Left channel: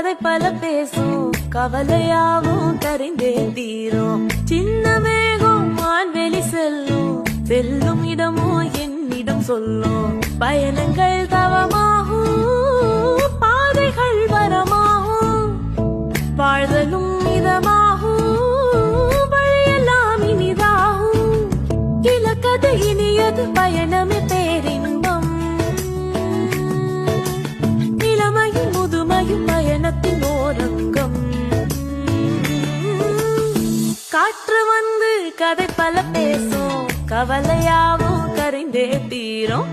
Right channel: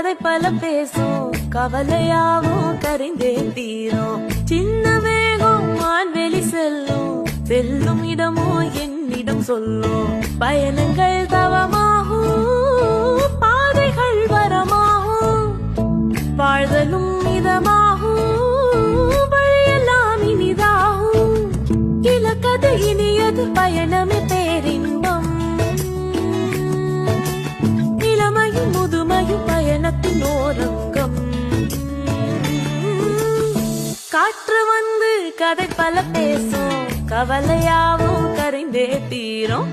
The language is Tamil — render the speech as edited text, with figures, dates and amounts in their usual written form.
கதை பல பேசும் கவலையாவும் கரைந்தே தீரும். சின்ன வேகம் வான்வெளி செல்லும், செல்லும் இடமோ என்னிடம் சொல்லும். பயணங்கள் தவமாகும், பாதைகள் வரமாகும், வாழ்தலும் இதமாகும், வழியெல்லாம் இனிதாகும். இலக்கது இனியது பயணமே பேரின்பம், இளமையும் முதுமையும் பயணத்தின் ஓரங்கம். காற்று வந்து கதை பல பேசும் கவலையாவும் கரைந்தே தீரும்.